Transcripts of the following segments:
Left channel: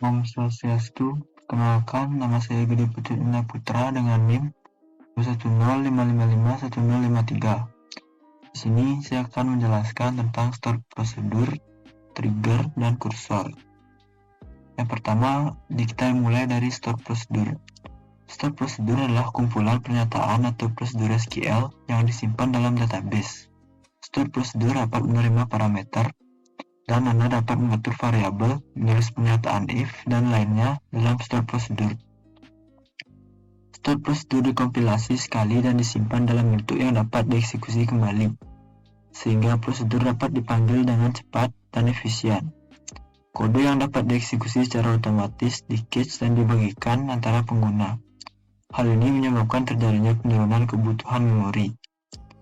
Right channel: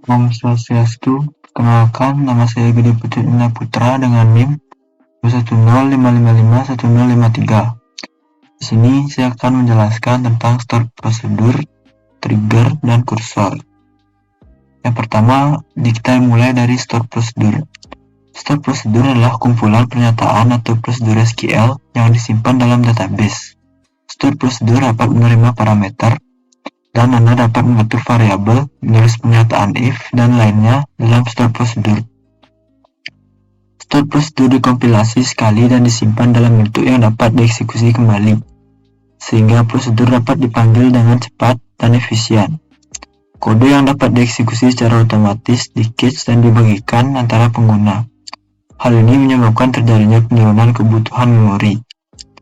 Om Swastiastu, kenalkan nama saya Gede Putra dengan NIM 210555153. Di sini saya akan menjelaskan tentang start prosedur, trigger, dan kursor. Yang pertama, kita mulai dari start prosedur. Start prosedur adalah kumpulan pernyataan atau prosedur SQL yang disimpan dalam database. Start prosedur dapat menerima parameter, dan Anda dapat mengatur variabel, menulis pernyataan if, dan lainnya dalam start prosedur. Start prosedur dikompilasi sekali dan disimpan dalam bentuk yang dapat dieksekusi kembali, sehingga prosedur dapat dipanggil dengan cepat dan efisien. Kode yang dapat dieksekusi secara otomatis di-cache dan dibagikan antara pengguna. Hal ini menyebabkan terjadinya penurunan kebutuhan memori.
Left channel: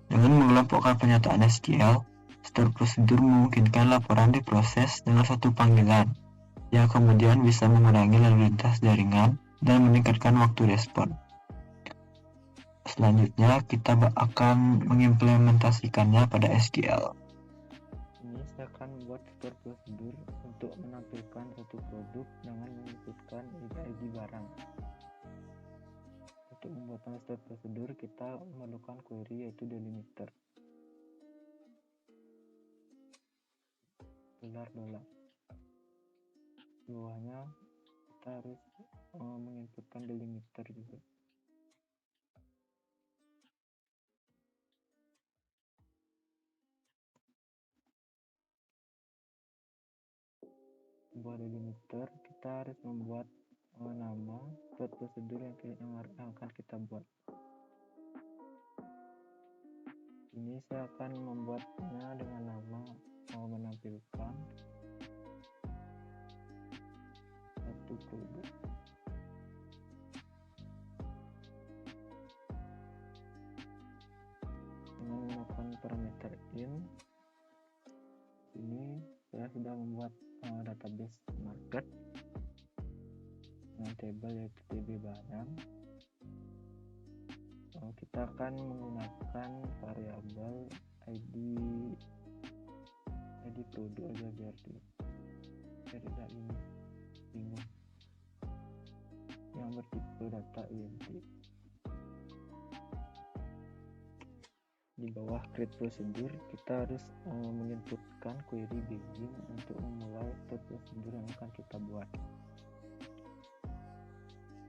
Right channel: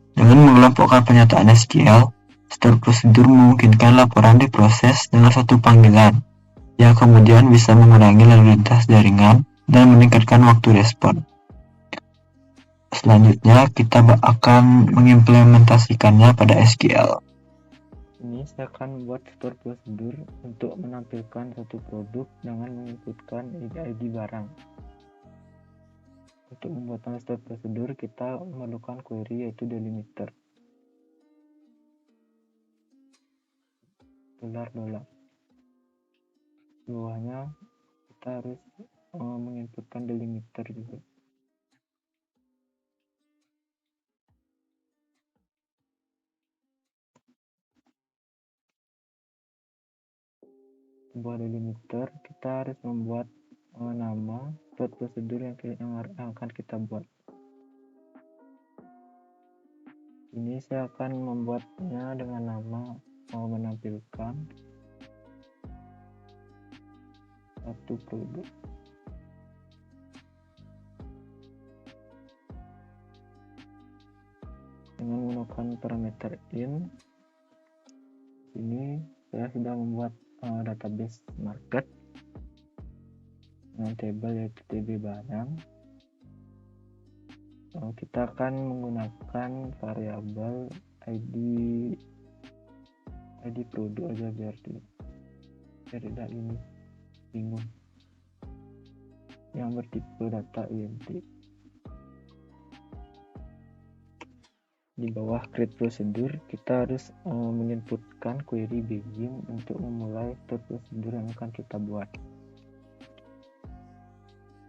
Dengan mengelompokkan pernyataan SQL, start prosedur memungkinkan laporan diproses dengan satu panggilan, yang kemudian bisa mengurangi lalu lintas jaringan dan meningkatkan waktu respon. Selanjutnya, kita akan mengimplementasikannya pada SQL. Ini saya akan buat store prosedur untuk menampilkan satu produk dengan menginputkan ID barang. Untuk membuat store prosedur, kita memerlukan query yaitu delimiter. $. Di bawahnya kita harus menginputkan delimiter juga. Sebuah delimiter, kita harus membuat nama start prosedur yang akan kita buat. Ini saya akan membuatnya dengan nama menampilkan satu produk. Dengan menggunakan parameter in, ini saya sudah membuat database market dengan table yaitu tb barang. Kita akan menggunakan variabel ID produk aja biar tidak ini bingung, yang bertipe data int. Di bawah create prosedur, kita harus menginputkan query begin untuk memulai start prosedur yang akan kita buat.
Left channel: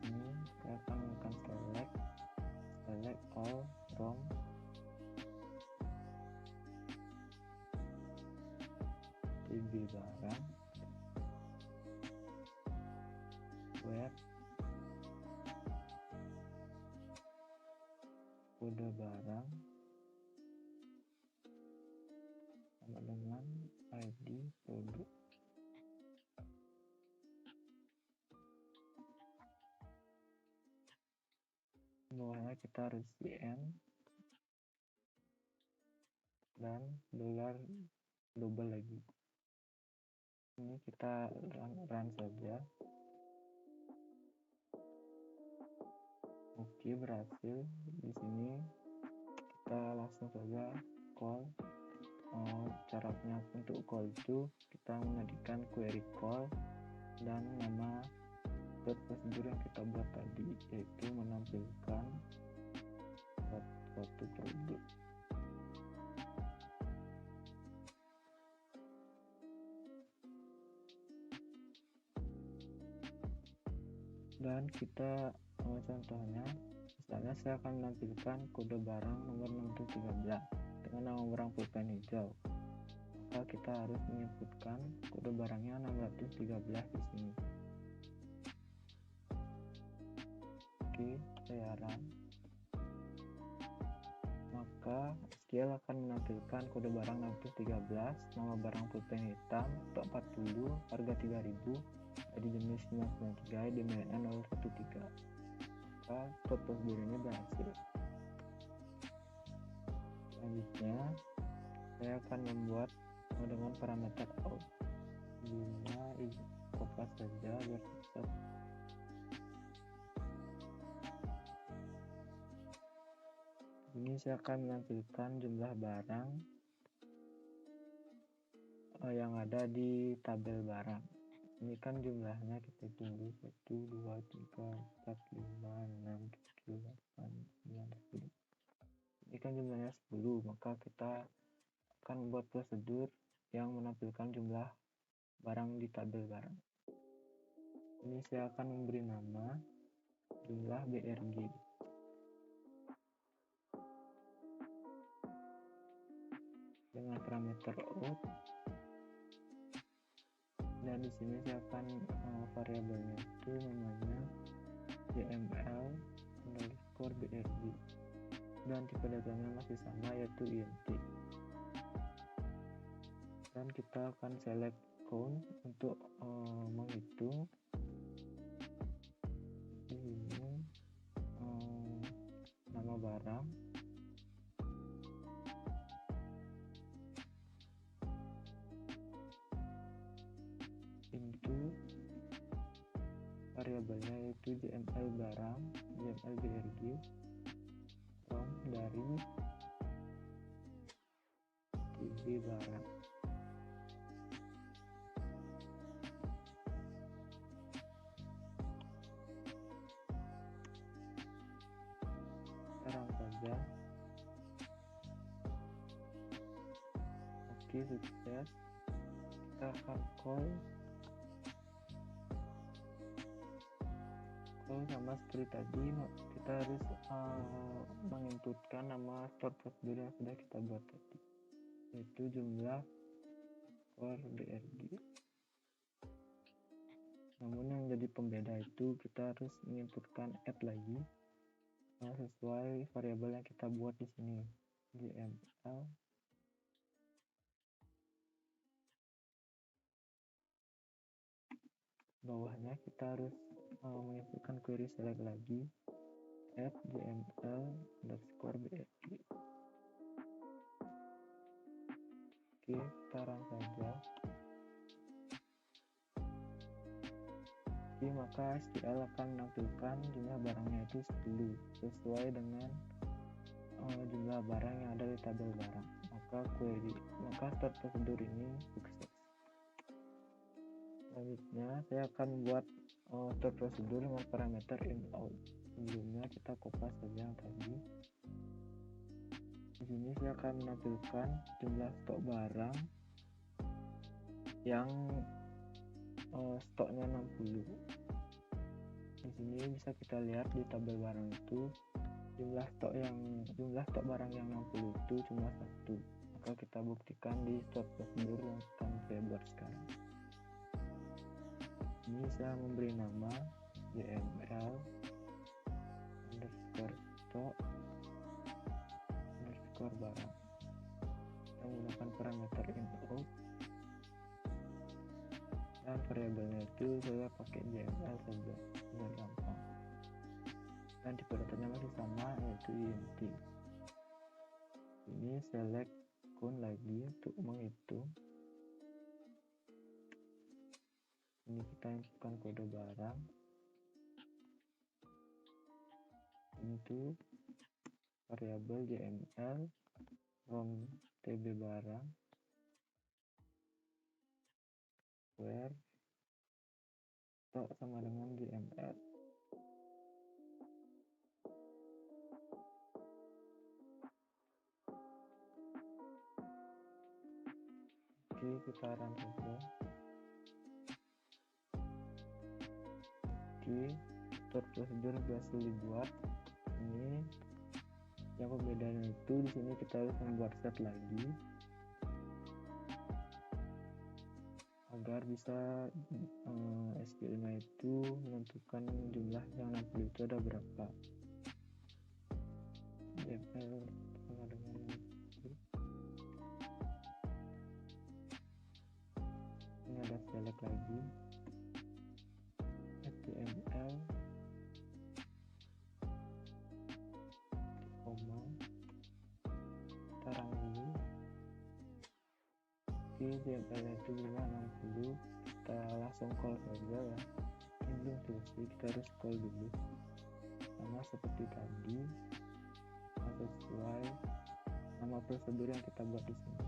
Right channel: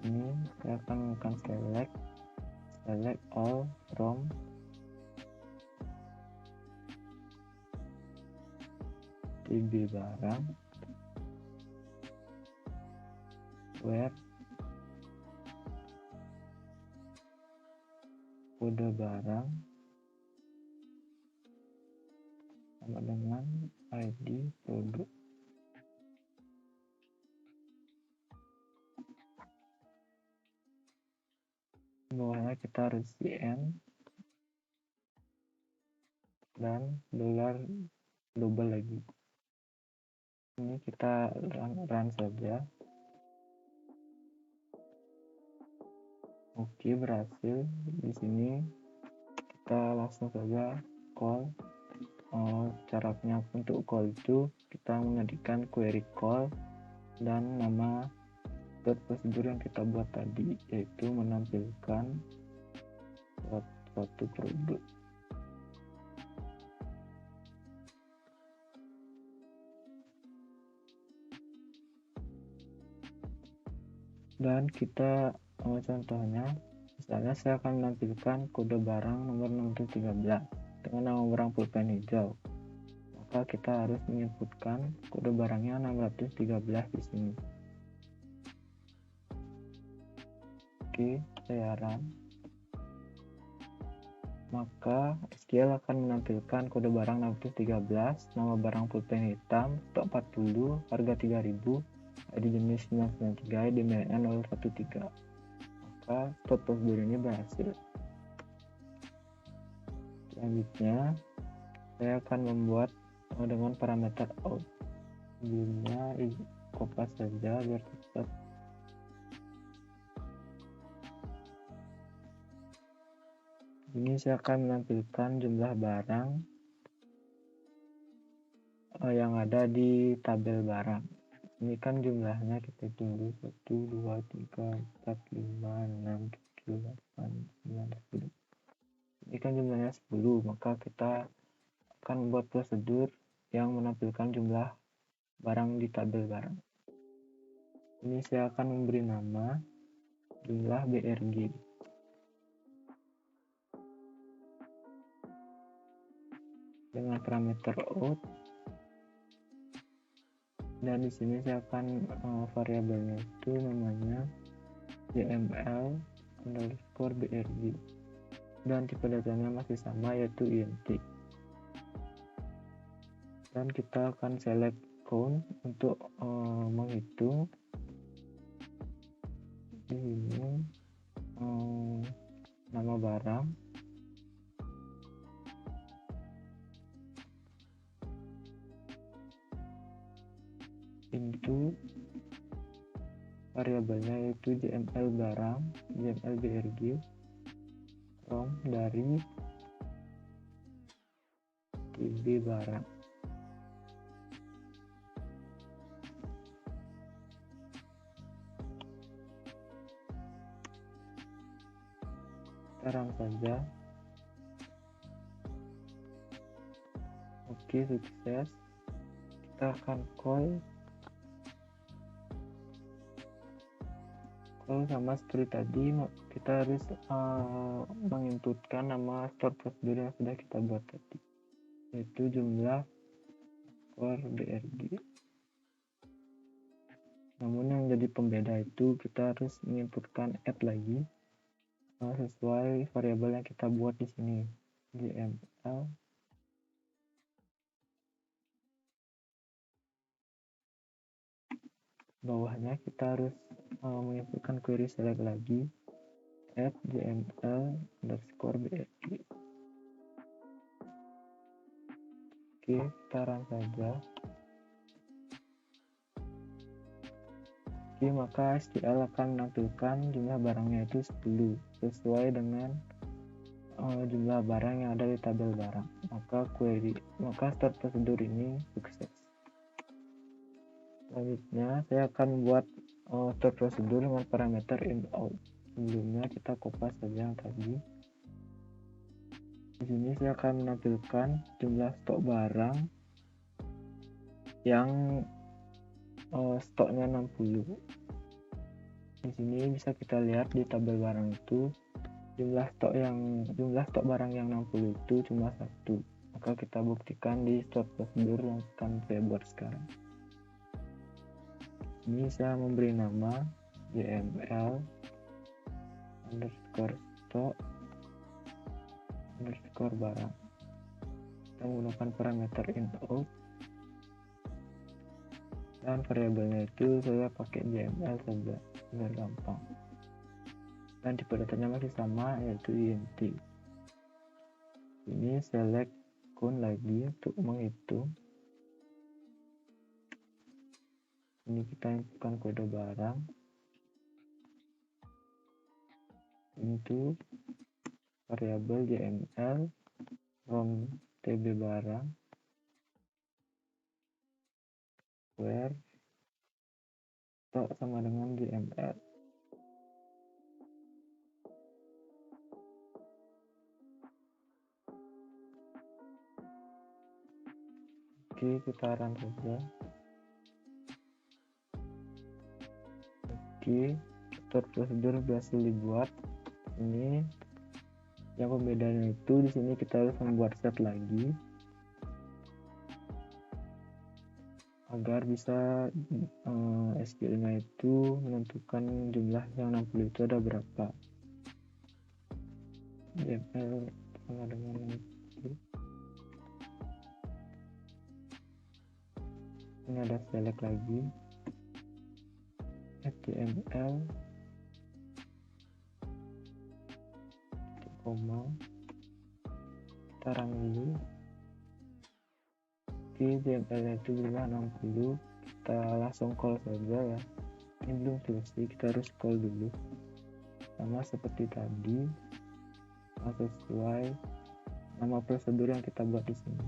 Ini saya akan menggunakan select all from tb barang where kode barang sama dengan ID produk. Bawahnya kita harus cn dan $global lagi. Ini kita run saja. Oke, berhasil. Di sini kita langsung saja call. Caranya untuk call itu kita mengetikkan query call dan nama start prosedur yang kita buat tadi, yaitu menampilkan suatu produk. Dan kita contohnya, misalnya saya akan menampilkan kode barang nomor 613 dengan nama barang pulpen hijau, maka kita harus menginputkan kode barangnya 613 di sini. Oke, saya run. Maka SQL akan menampilkan kode barang 613, nama barang pulpen hitam, stok 40, harga 3000, ID jenis 993, ID MNN 013. Maka start prosedur ini berhasil. Selanjutnya, saya akan membuat dengan parameter out. Jadinya kopas saja biar cepat. Ini saya akan menampilkan jumlah barang yang ada di tabel barang. Ini kan jumlahnya kita tunggu 1, 2, 3, 4, 5, 6, 7, 8, 9, 10. Ini kan jumlahnya 10, maka kita akan membuat prosedur yang menampilkan jumlah barang di tabel barang. Ini saya akan memberi nama jumlah BRG. Dengan parameter out, dan di sini saya akan variabelnya itu namanya jml_brg, dan tipe datanya masih sama, yaitu int. Dan kita akan select count untuk menghitung. Di sini nama barang, into variabelnya yaitu jml barang, jml brg, from dari tb barang. Sekarang saja. Oke, sukses. Kita akan call sama seperti tadi. Kita harus menginputkan nama store prosedur yang sudah kita buat tadi, yaitu jumlah core brg. Namun yang jadi pembeda itu kita harus menginputkan add lagi sesuai variabel yang kita buat di sini, jml bawahnya kita harus menginputkan query select lagi, add jml_brg. Oke, kita run saja. Oke, maka SQL akan menampilkan jumlah barangnya itu 10 sesuai dengan jumlah barang yang ada di tabel barang. Maka start prosedur ini sukses. Selanjutnya saya akan membuat start prosedur dengan parameter in out. Sebelumnya kita kopas saja yang tadi. Di sini saya akan menampilkan jumlah stok barang yang stoknya 60. Di sini bisa kita lihat di tabel barang itu jumlah stok barang yang 60 itu cuma 1. Maka kita buktikan di start prosedur yang akan saya buat sekarang. Ini saya memberi nama jml_stock_barang. Kita menggunakan parameter in out, dan variabelnya itu saya pakai jml saja biar gampang. Dan tipe datanya masih sama, yaitu int. Ini select count lagi untuk menghitung. Ini kita inputkan kode barang into variabel jml from tb barang where stock sama dengan jml. Oke, kita run saja. Oke, start prosedur berhasil dibuat. Ini yang pembedanya itu di sini kita harus membuat set lagi agar bisa SQL-nya itu menentukan jumlah yang 60 itu ada berapa. JML sama dengan 60. Ini ada select lagi, HTML, koma, kita run dulu. Oke, JML itu jumlah 60. Kita langsung call saja ya. Ini belum selesai, kita harus call dulu sama seperti tadi, sesuai nama prosedur yang kita buat di sini,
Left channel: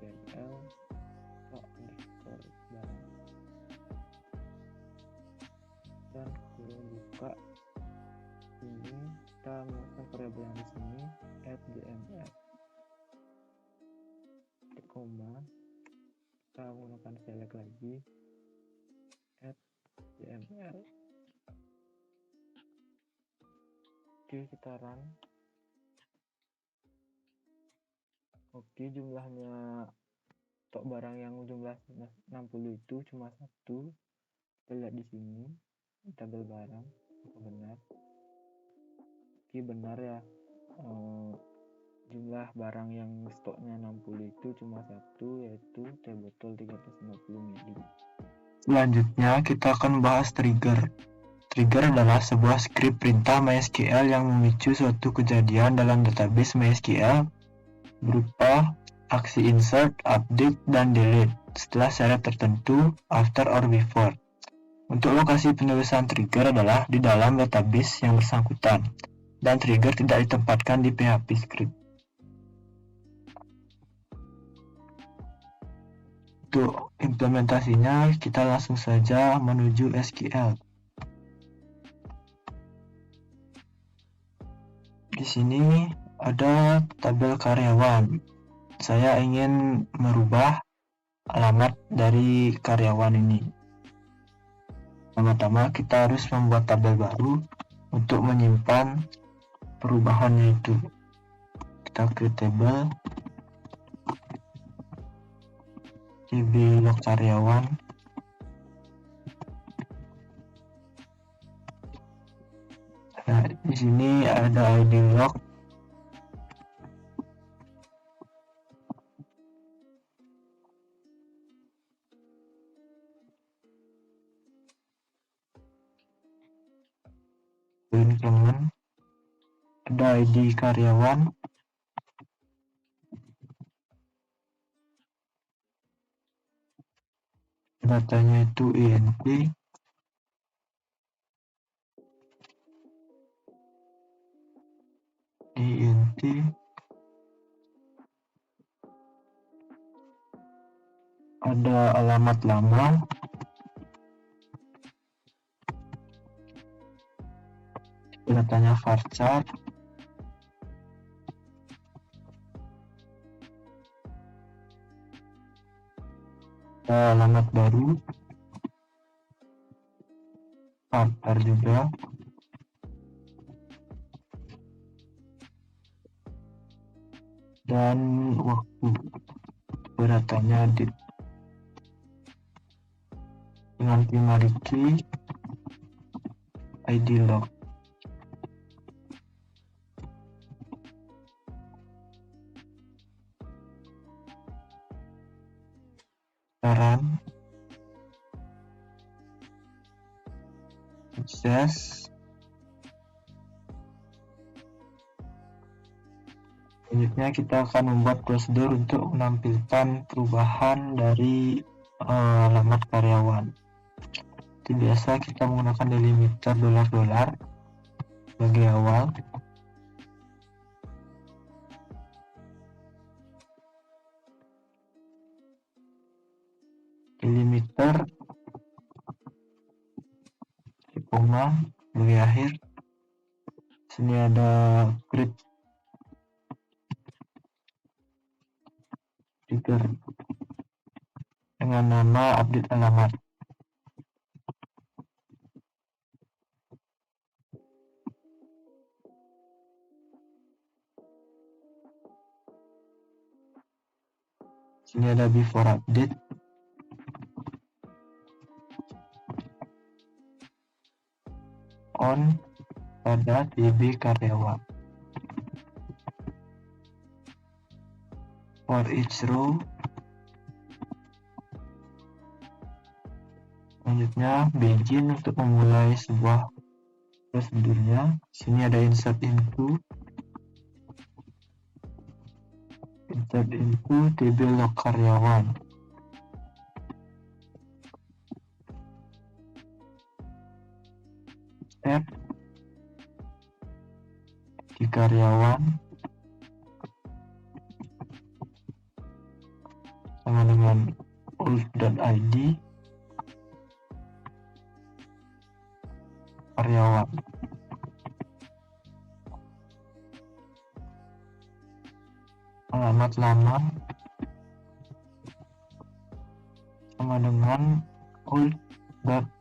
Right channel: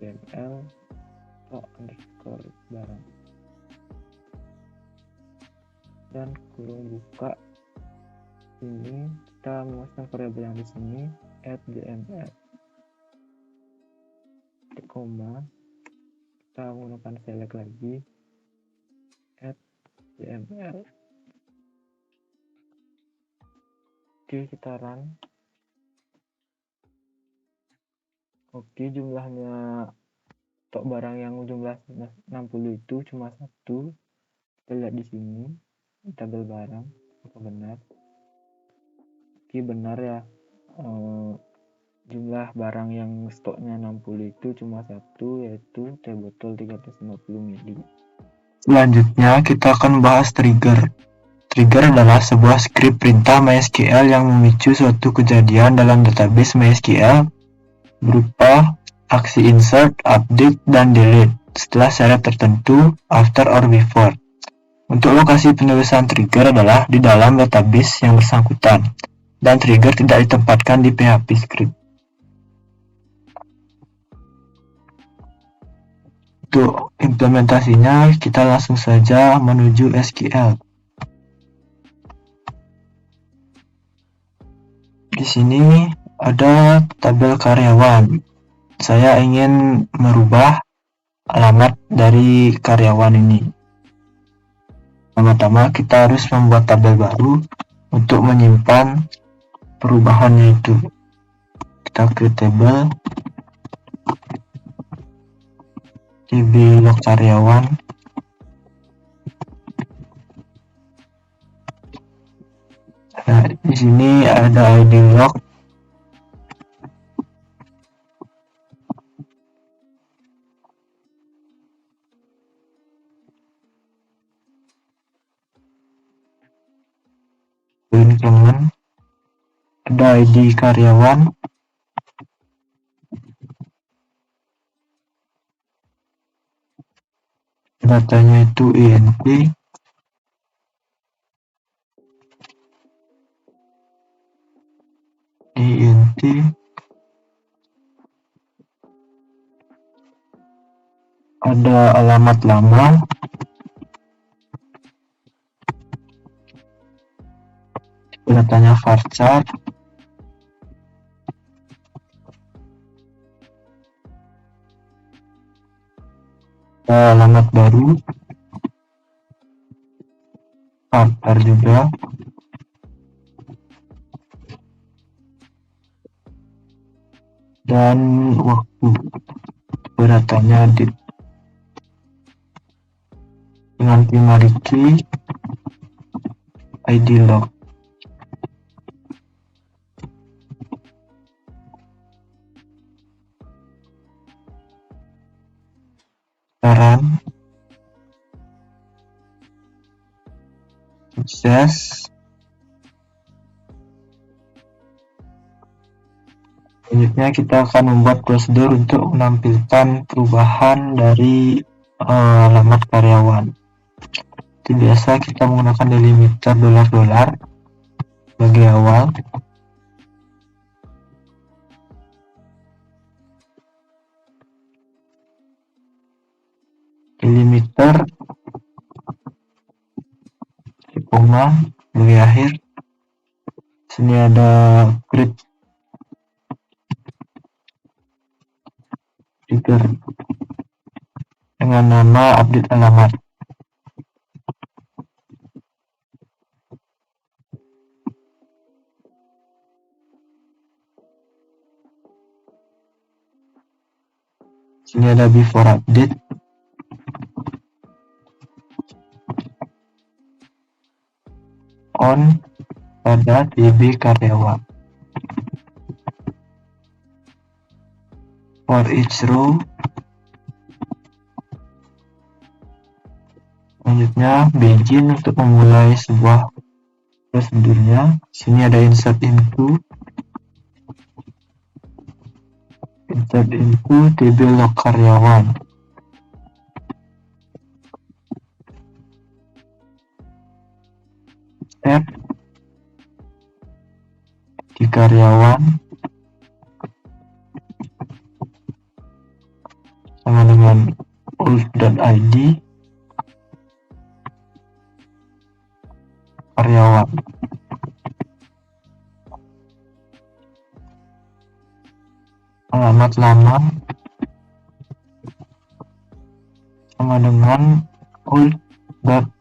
jml_stock_barang. dan kurung buka. Ini kita memasukkan variabel yang di sini @dml, koma, kita menggunakan select lagi @dml. Oke, kita run. Oke, jumlahnya untuk barang yang jumlah 60 itu cuma 1. Kita lihat di sini tabel barang, apa benar? Oke, benar ya. Jumlah barang yang stoknya 60 itu cuma 1, yaitu teh botol 350 ml. Selanjutnya kita akan bahas trigger. Trigger adalah sebuah skrip perintah MySQL yang memicu suatu kejadian dalam database MySQL berupa aksi insert, update, dan delete setelah syarat tertentu, after or before. Untuk lokasi penulisan trigger adalah di dalam database yang bersangkutan, dan trigger tidak ditempatkan di PHP script. Untuk implementasinya, kita langsung saja menuju SQL. Di sini ada tabel karyawan. Saya ingin merubah alamat dari karyawan ini. Pertama-tama kita harus membuat tabel baru untuk menyimpan perubahannya itu. Kita create table db log karyawan. Nah, di sini ada id log. Increment, ada id karyawan, datanya itu int, ada alamat lama, datanya varchar, ada alamat baru, varchar juga, dan waktu datanya dengan primary key id log. Sekarang sukses. Selanjutnya kita akan membuat prosedur untuk menampilkan perubahan dari alamat karyawan. Seperti biasa kita menggunakan delimiter $$ sebagai awal. Delimiter koma sebagai akhir. Sini ada create trigger dengan nama update alamat. Sini ada before update. On pada db karyawan. For each row. Selanjutnya begin untuk memulai sebuah prosedurnya. Sini ada insert into db log karyawan. Step di karyawan sama dengan old.id. karyawan. Alamat lama sama dengan old.alamat.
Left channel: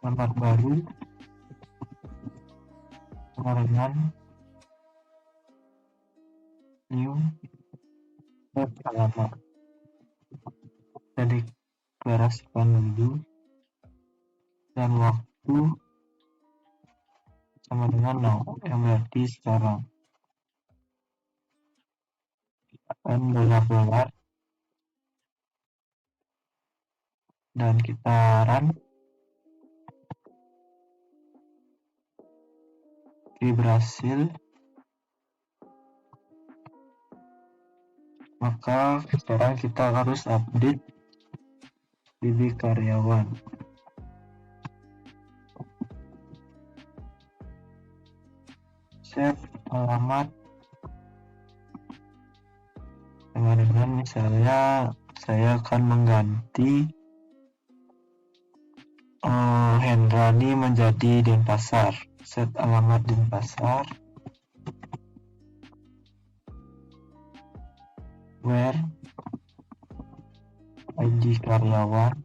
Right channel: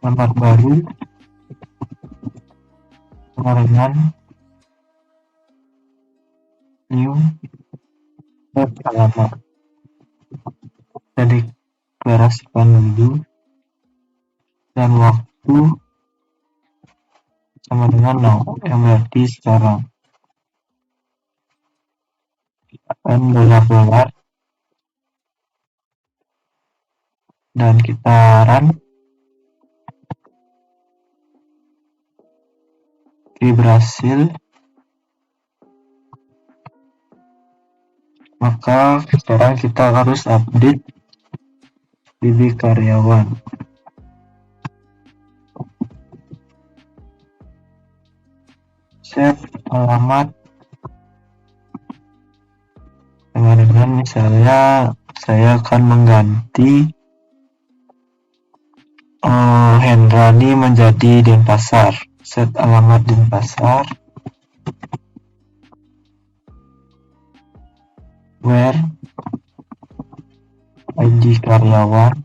Alamat baru sama dengan new.alamat. Kita deklarasikan dulu, dan waktu sama dengan now, yang berarti sekarang. Akan dolar dan kita run, berhasil. Maka sekarang kita harus update DB karyawan. Save alamat sama dengan misalnya saya akan mengganti Hendrani menjadi Denpasar. Set alamat Denpasar. Where ID karyawan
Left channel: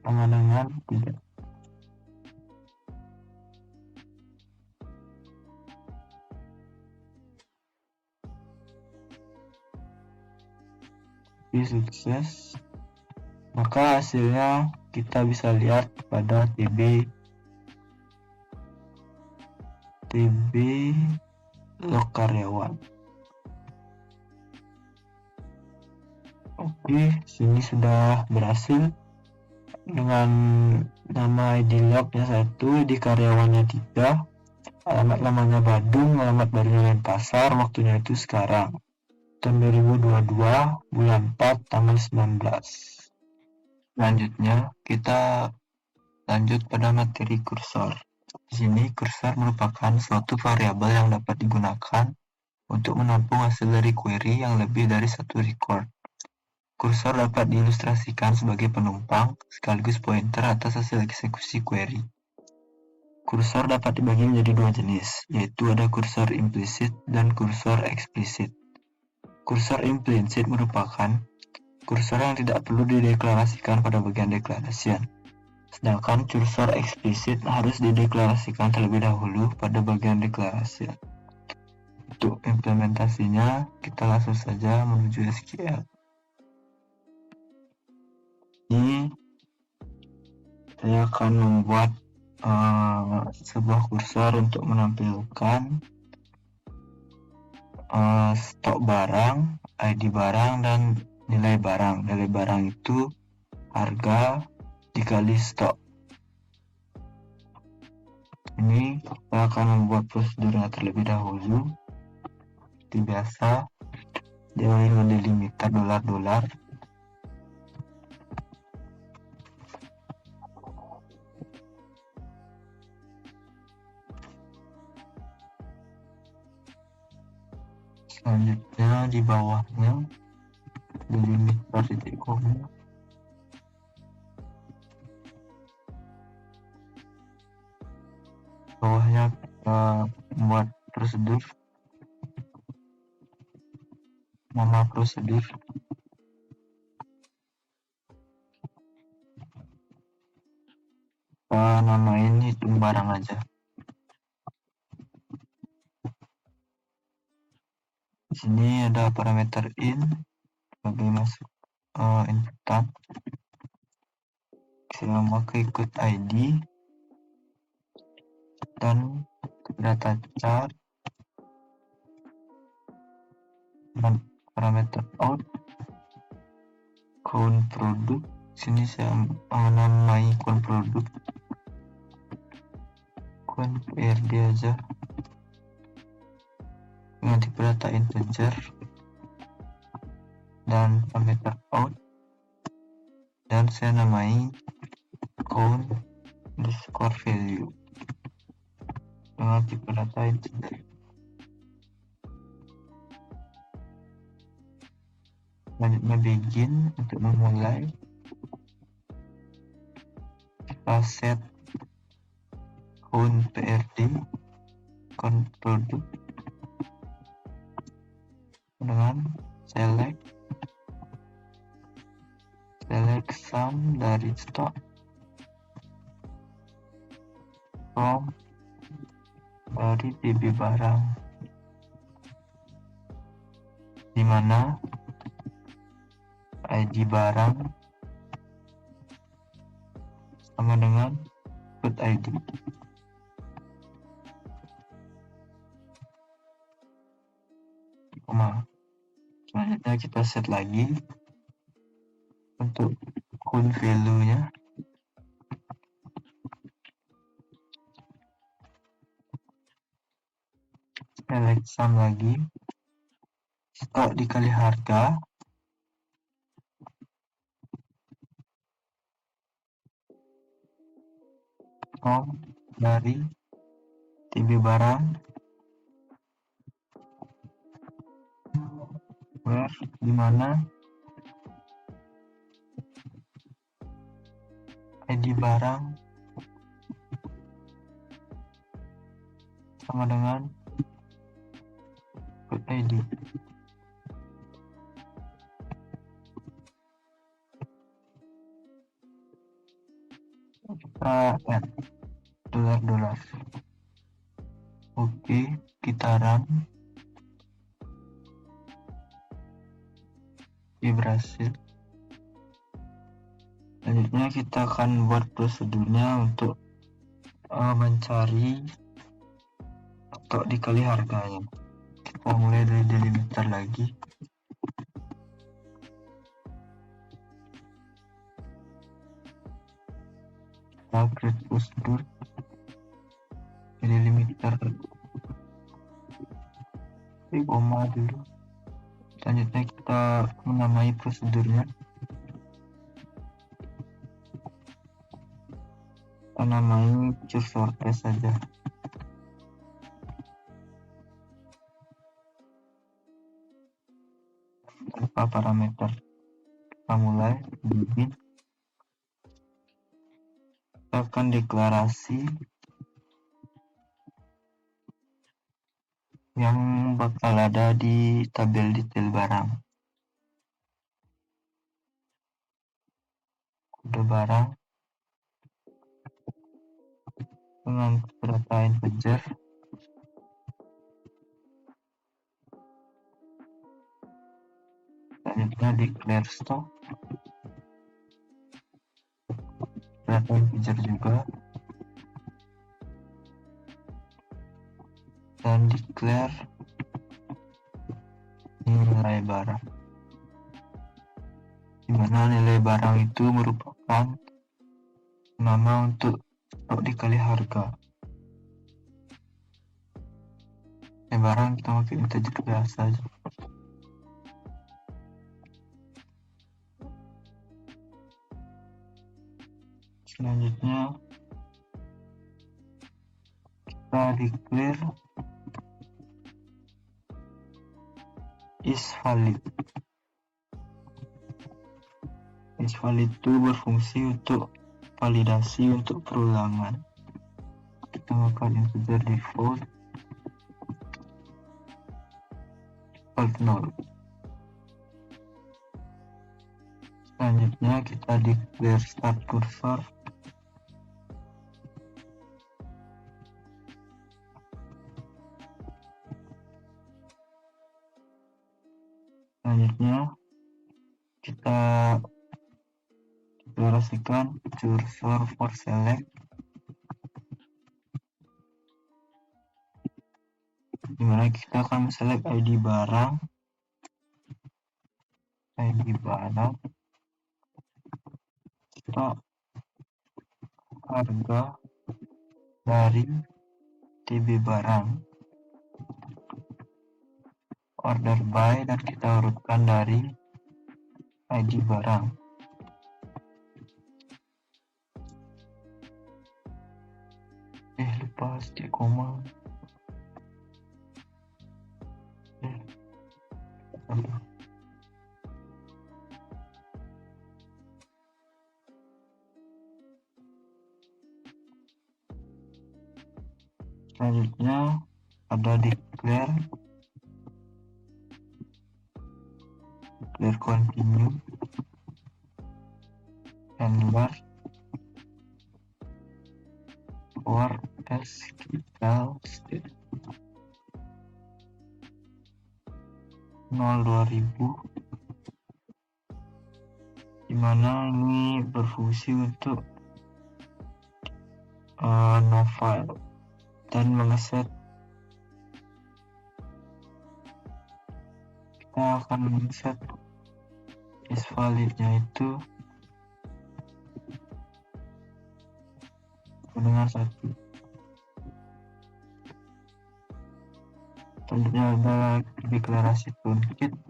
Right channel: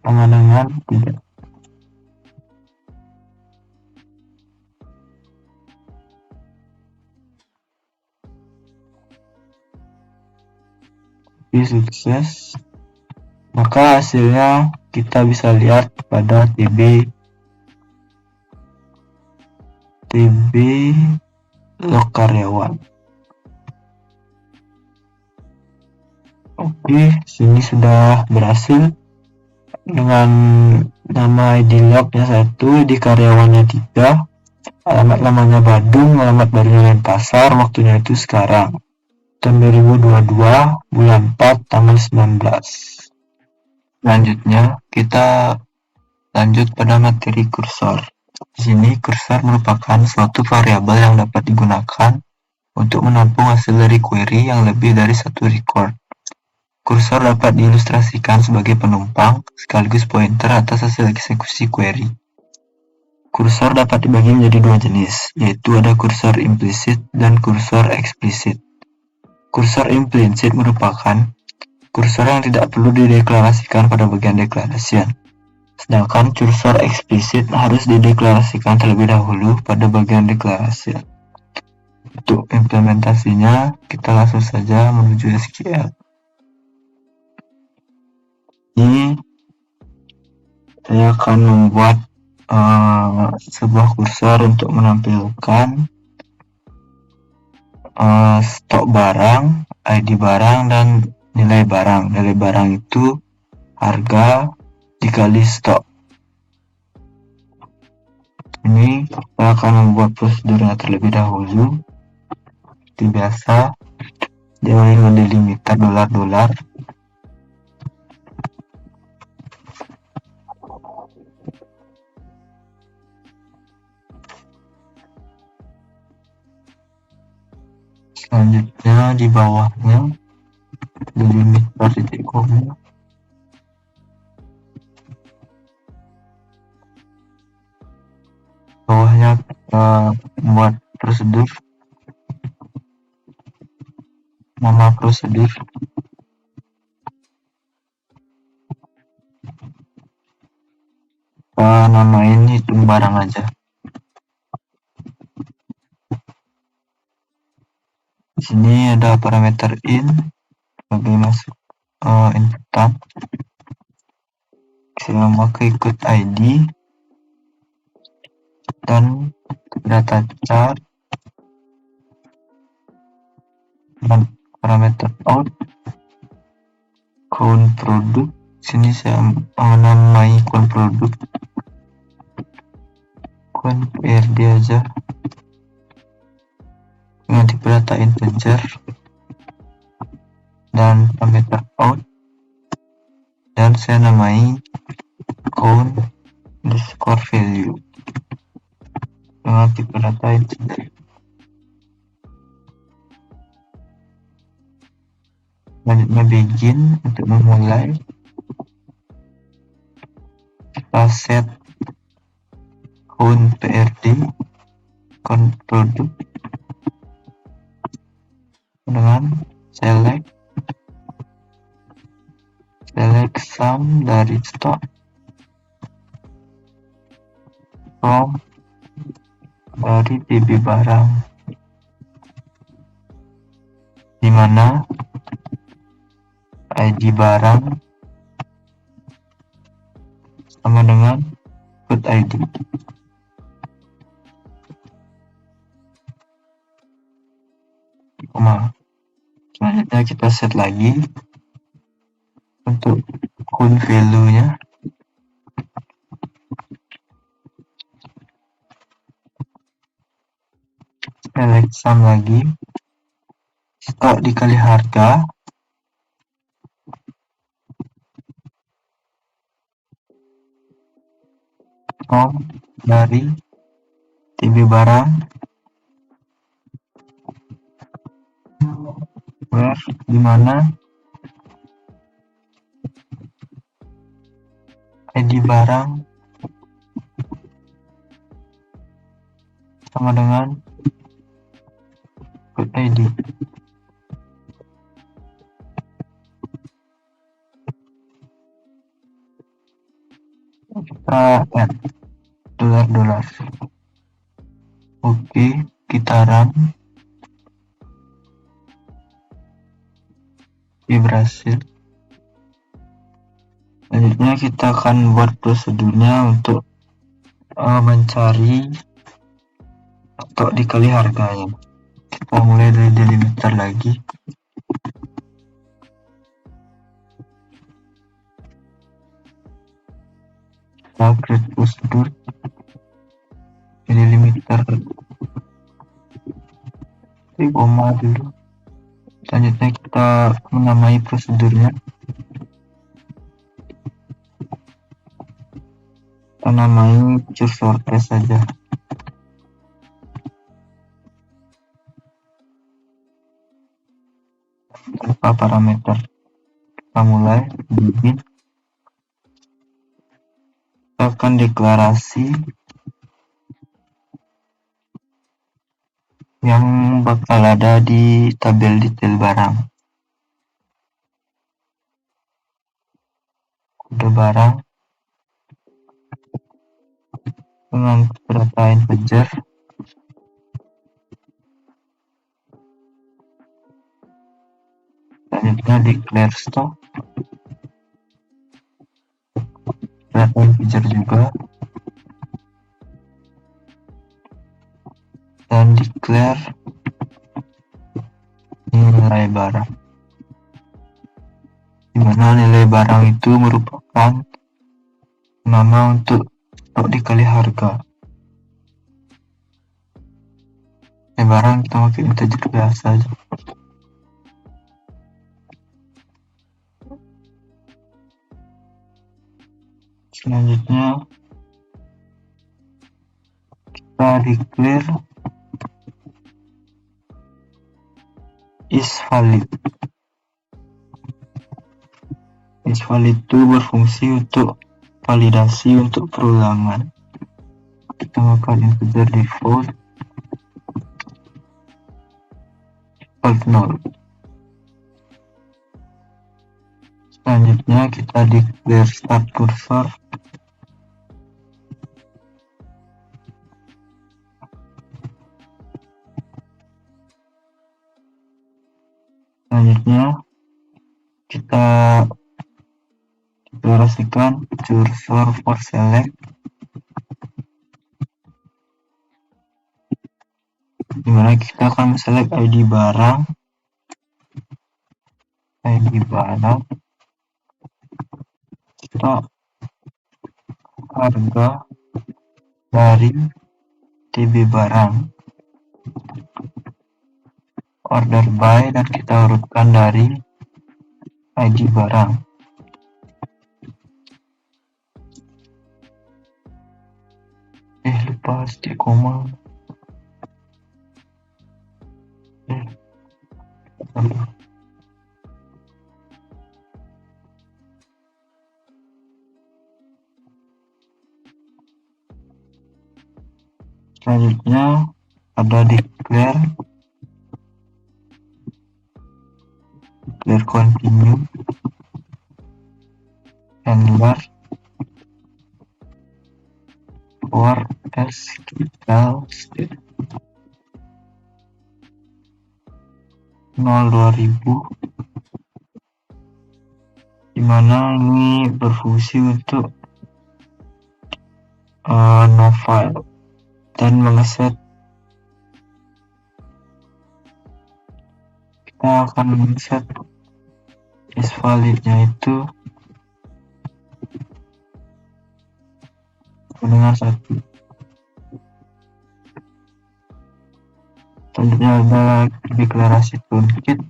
sama dengan 3. Sukses, maka hasilnya kita bisa lihat pada TB log karyawan. Oke, sini sudah berhasil dengan nama ID lognya 1, ID karyawannya 3, alamat lamanya Badung, alamat barunya Denpasar, waktunya itu sekarang tahun 2022 bulan 4 tanggal 19. Selanjutnya kita lanjut pada materi kursor. Di sini kursor merupakan suatu variabel yang dapat digunakan untuk menampung hasil dari query yang lebih dari satu record. Kursor dapat diilustrasikan sebagai penumpang sekaligus pointer atas hasil eksekusi query. Kursor dapat dibagi menjadi 2 jenis, yaitu ada kursor implisit dan kursor eksplisit. Kursor implisit merupakan kursor yang tidak perlu dideklarasikan pada bagian deklarasian, sedangkan kursor eksplisit harus dideklarasikan terlebih dahulu pada bagian deklarasian. Untuk implementasinya, kita langsung saja menuju SQL. Ini saya akan membuat sebuah kursor untuk menampilkan stok barang, ID barang, dan nilai barang. Nilai barang itu harga dikali stok. Ini kita akan membuat prosedurnya terlebih dahulu. Seperti biasa, diawali dengan delimiter dolar. Selanjutnya di bawahnya delimiter titik koma. Bawahnya kita buat prosedur, nama prosedur. Kita namain hitung barang aja. Di sini ada parameter in bagi masuk inputan. Saya memakai ikut ID dan data chart dan parameter out count produk. Sini saya menamai count produk count PRD aja, nanti data integer, dan parameter out, dan saya namai count underscore value, nanti data integer. Selanjutnya begin untuk memulai. Kita set count PRD, count produk, dengan select sum dari stock from dari PB barang, di mana ID barang sama dengan root ID. Selanjutnya kita set lagi untuk count value-nya. Select sum lagi, stok dikali harga, from dari TB barang, where di mana ID barang sama dengan root ID. Kita add dolar. Oke, kita run. Oke, berhasil. Selanjutnya kita akan buat prosedurnya untuk mencari stok dikali harganya. Kita mulai dari delimiter lagi. Kita create prosedur delimiter koma dulu. Selanjutnya kita menamai prosedurnya. Kita namai cursor test saja. Tanpa parameter. Kita mulai begin. Kita akan deklarasi yang bakal ada di tabel detail barang. Kode barang dengan data integer. Selanjutnya declare stock, data integer juga, dan declare nilai barang, di mana nilai barang itu merupakan nama untuk stok dikali harga. Nilai barang kita pakai integer biasa aja. Selanjutnya kita declare is valid. Is valid itu berfungsi untuk validasi untuk perulangan. Kita akan integer default equal 0. Selanjutnya kita declare start cursor. Selanjutnya kita deklarasikan cursor for select, dimana kita akan select ID barang, stok harga dari TB barang, order by, dan kita urutkan dari ID barang. Lupa di koma. ada declare continue, handler, for else 0 2000, dimana ini berfungsi untuk no file dan mengeset. Kita akan mengeset is validnya itu dengan 1. Selanjutnya ada deklarasi truncate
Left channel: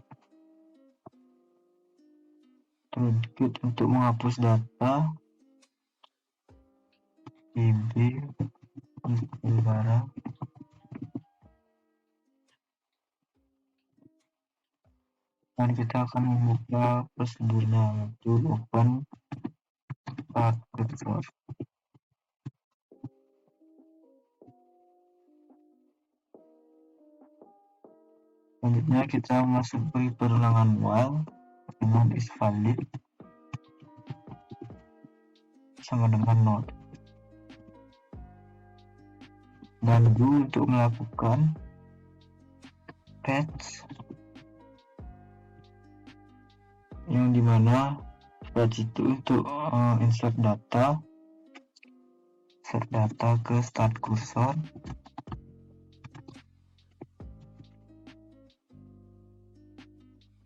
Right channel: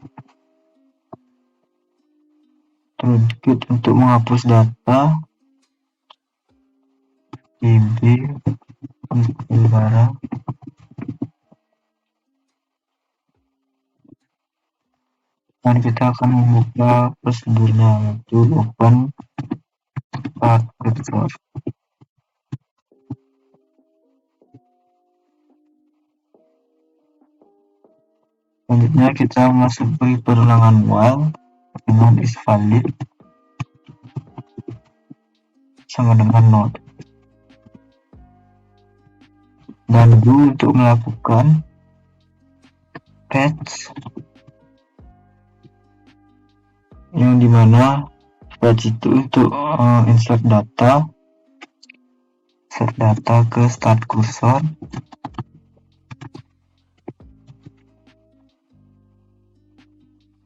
untuk menghapus data db barang. Dan kita akan membuka prosedurnya, yaitu open start cursor. Selanjutnya kita masuk beri perulangan while dengan is valid sama dengan not. Dan untuk melakukan fetch, yang dimana fetch itu untuk insert data ke start cursor,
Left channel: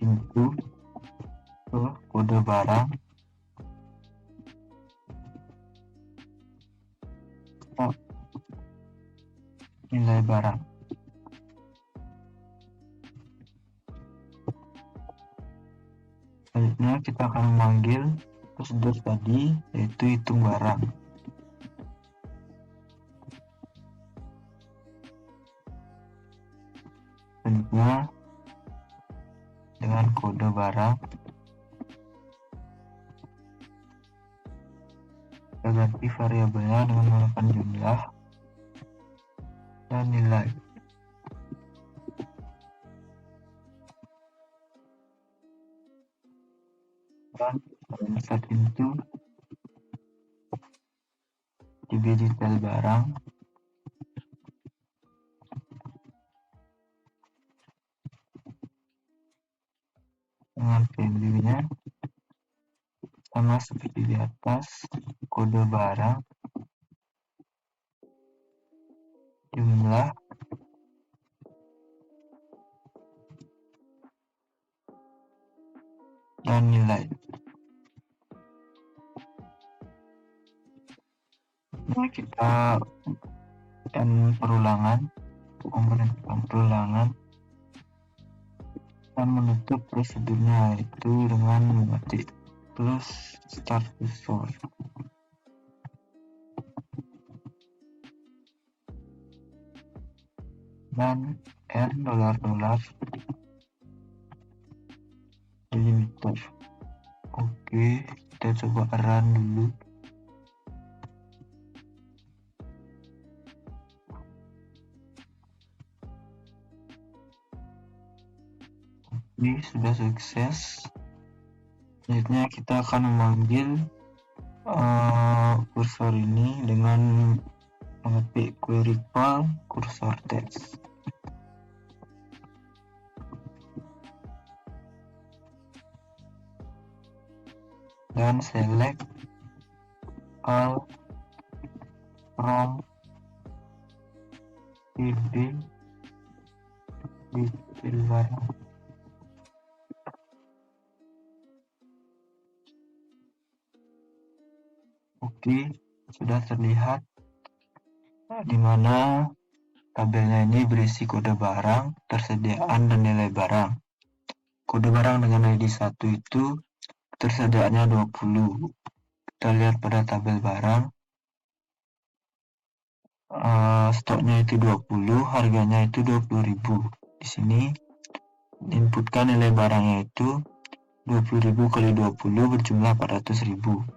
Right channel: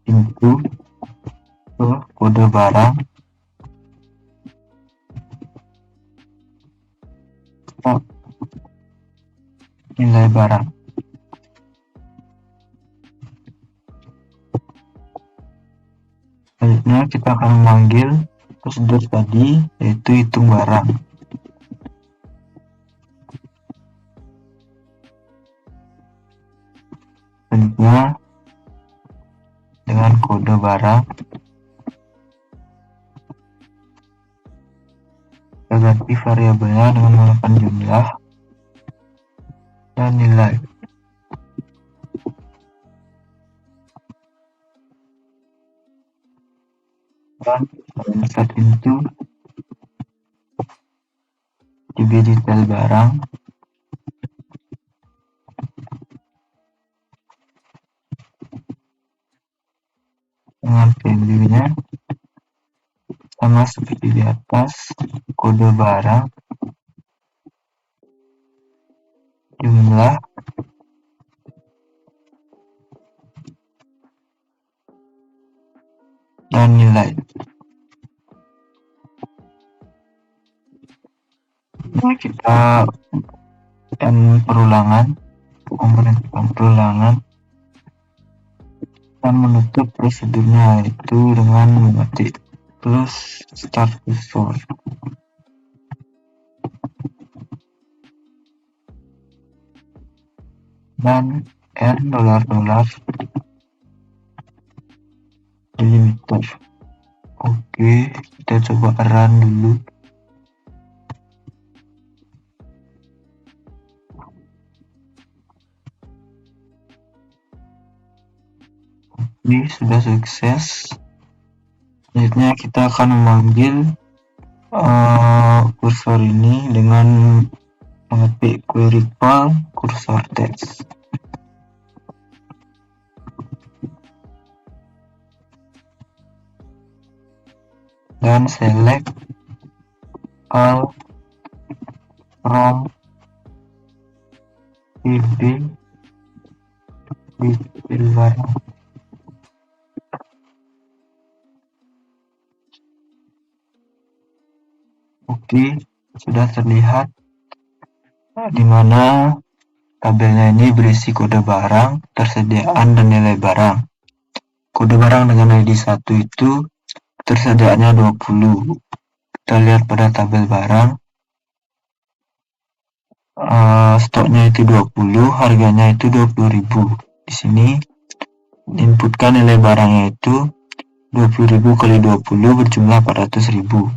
input ke kode barang, nilai barang. Selanjutnya kita akan memanggil prosedur tadi, yaitu hitung barang. Selanjutnya dengan kode barang kita ganti variabelnya dengan menggunakan jumlah dan nilai. Dan saat itu db detail barang dengan value-nya sama seperti di atas, kode barang, jumlah, dan nilai. Nah, kita perulangan, memerintahkan perulangan dan menutup prosedurnya, yaitu dengan mengetik terus start cursor. Dan $$ delimiter. Oke, kita coba run dulu. Oke, sudah sukses. Selanjutnya kita akan memanggil kursor ini dengan mengetik query call cursor text. Dan select all from db detail barang. Oke, sudah terlihat di mana tabelnya ini berisi kode barang, tersediaan, dan nilai barang. Kode barang dengan ID 1 itu tersediaannya 20. Kita lihat pada tabel barang, stoknya itu 20, harganya itu 20.000. Di sini diinputkan nilai barangnya itu 20.000 kali 20 berjumlah 400.000.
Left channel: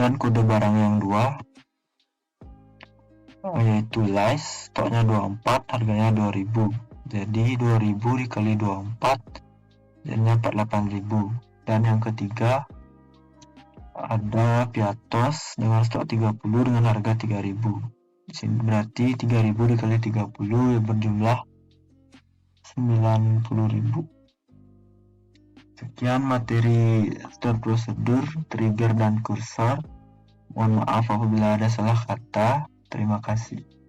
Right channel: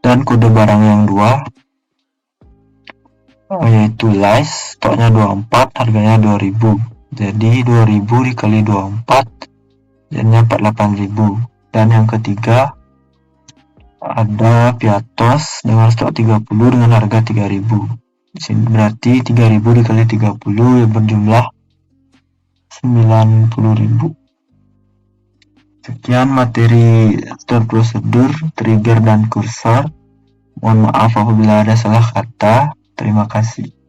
Dan kode barang yang 2 yaitu Lice, stoknya 24, harganya 2000. Jadi 2000 dikali 24 jadinya 48.000. Dan yang ketiga ada Piatos dengan stok 30 dengan harga 3000. Di sini berarti 3000 dikali 30 yang berjumlah 90.000. Sekian materi store prosedur, trigger, dan kursor. Mohon maaf apabila ada salah kata. Terima kasih.